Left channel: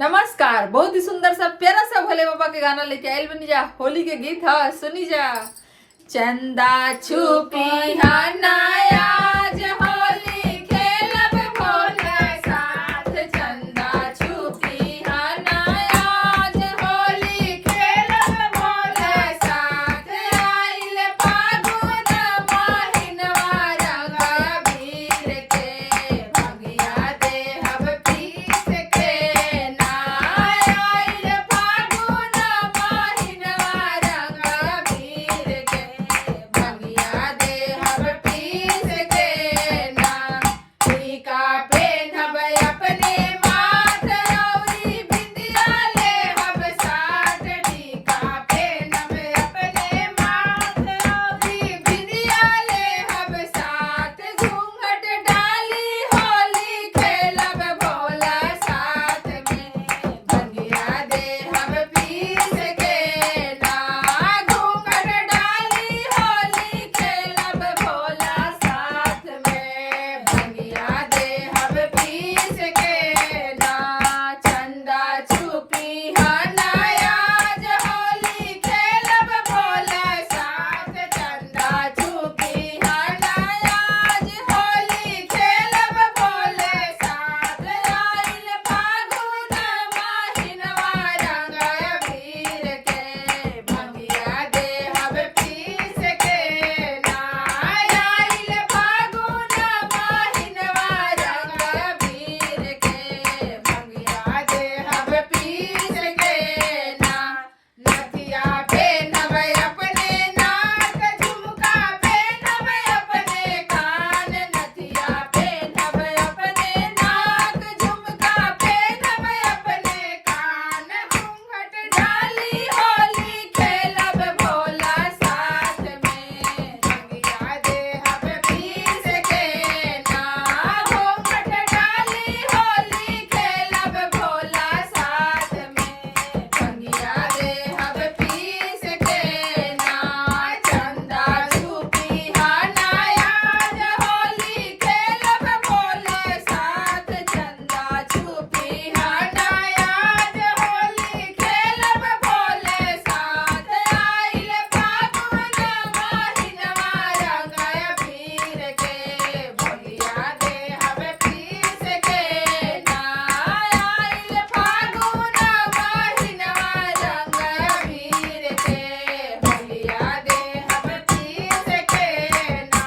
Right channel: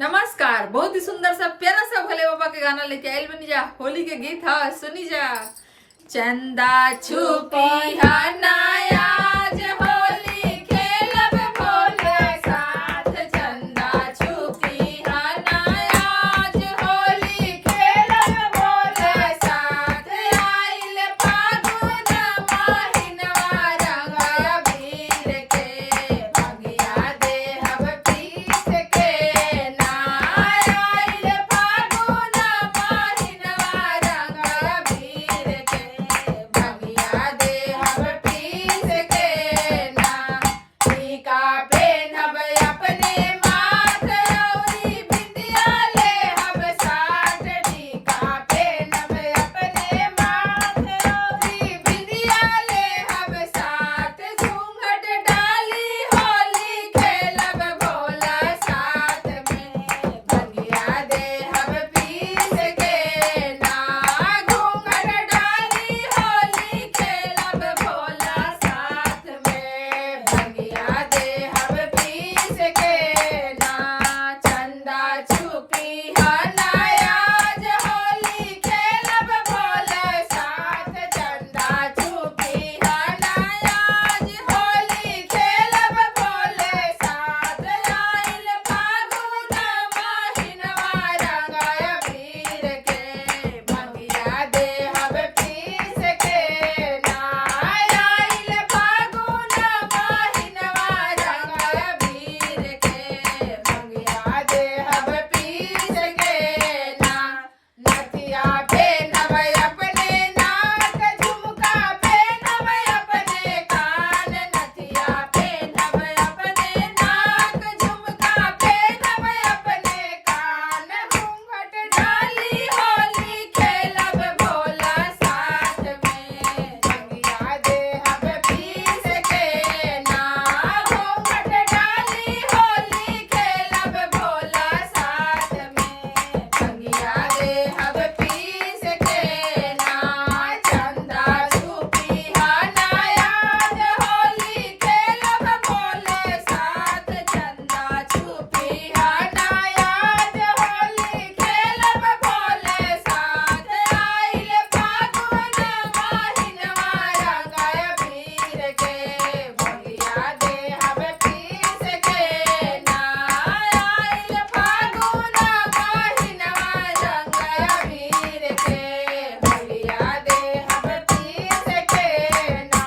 नमस्कार। बहुत ही सुंदर सा प्यारा सा भोले बाबा के गाना लेके आयल बनी जा। होली के गीत है, सुनी जा। चंदा छुपी हनायाज होली खेलब भोला साथ। चंदा छुपी हनायाज होली खेलब भोला साथ। आइल फागुन महिनवा रंग अबीर के भंगिया देहब पीस के ना। आइल फागुन महिनवा रंग अबीर के भंगिया देहब पीस के ना। टीका पेन्हब अपने माथ रौरी बिंदिया लेहब साथ। टीका पेन्हब अपने माथ रौरी बिंदिया लेहब साथ। घूंघट डाली होली खेलब भोला साथ में भंगिया देहब पीस के ना। घूंघट डाली होली खेलब भोला साथ में भंगिया देहब पीस के ना। चंदा छुपी हनायाज होली खेलब भोला साथ। चंदा छुपी हनायाज होली खेलब भोला साथ। आइल फागुन महिनवा रंग अबीर के भंगिया देहब पीस के ना। आइल फागुन महिनवा रंग अबीर के भंगिया देहब पीस के ना। नथिया पेन्हब अपने नाक, झुमका पेन्हब अपने कान। नथिया पेन्हब अपने नाक, झुमका पेन्हब अपने कान। घूंघट डाली होली खेलब भोला साथ में भंगिया देहब पीस के ना। घूंघट डाली होली खेलब भोला साथ में भंगिया देहब पीस के ना। चंदा छुपी हनायाज होली खेलब भोले साथ। चंदा छुपी हनायाज होली खेलब भोले साथ। आइल फागुन महिनवा रंग अबीर के भंगिया देहब पीस के ना। आइल फागुन महिनवा रंग अबीर के भंगिया देहब पीस के ना।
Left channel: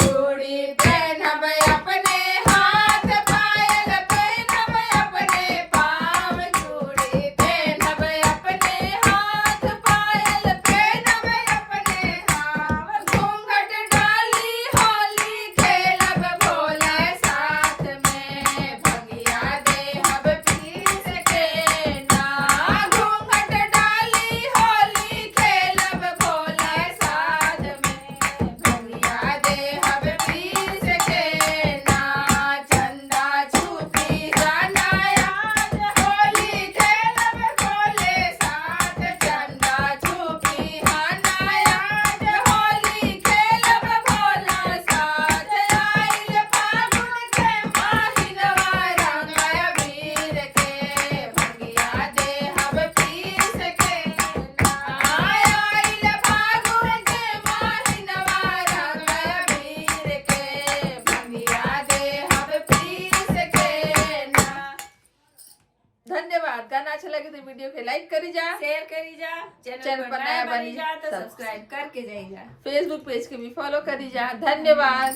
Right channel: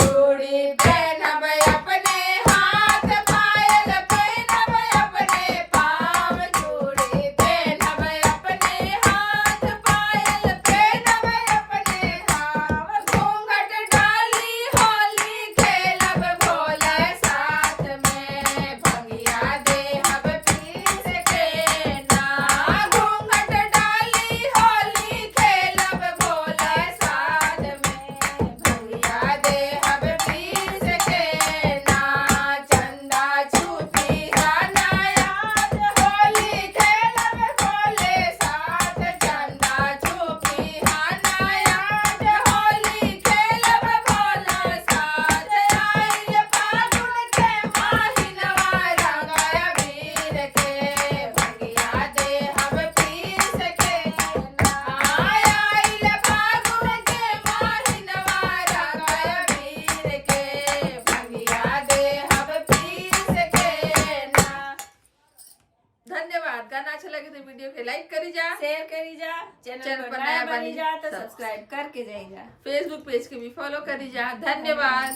चूड़ी पेन्हब अपने हाथ, पायल पेन्हब अपने पाँव। चूड़ी पेन्हब अपने हाथ, पायल पेन्हब अपने पाँव। घूंघट डाली होली खेलब भोला साथ में भंगिया देहब पीस के ना। घूंघट डाली होली खेलब भोला साथ में भंगिया देहब पीस के ना। चंदा छुपी हनायाज होली खेलब भोले साथ। चंदा छुपी हनायाज होली खेलब भोला साथ। आइल फागुन महिनवा रंग अबीर के भंगिया देहब पीस के ना। आइल फागुन महिनवा रंग अबीर के भंगिया देहब पीस के ना। धन्यवाद। गाना अच्छा लगे तो वीडियो के लाइक करी जा, शेयर करी जा, चैनल पर नया बनी जा तो सब्सक्राइब करके जाई जा। फेसबुक पेज के भी फॉलो करी जा। धन्यवाद।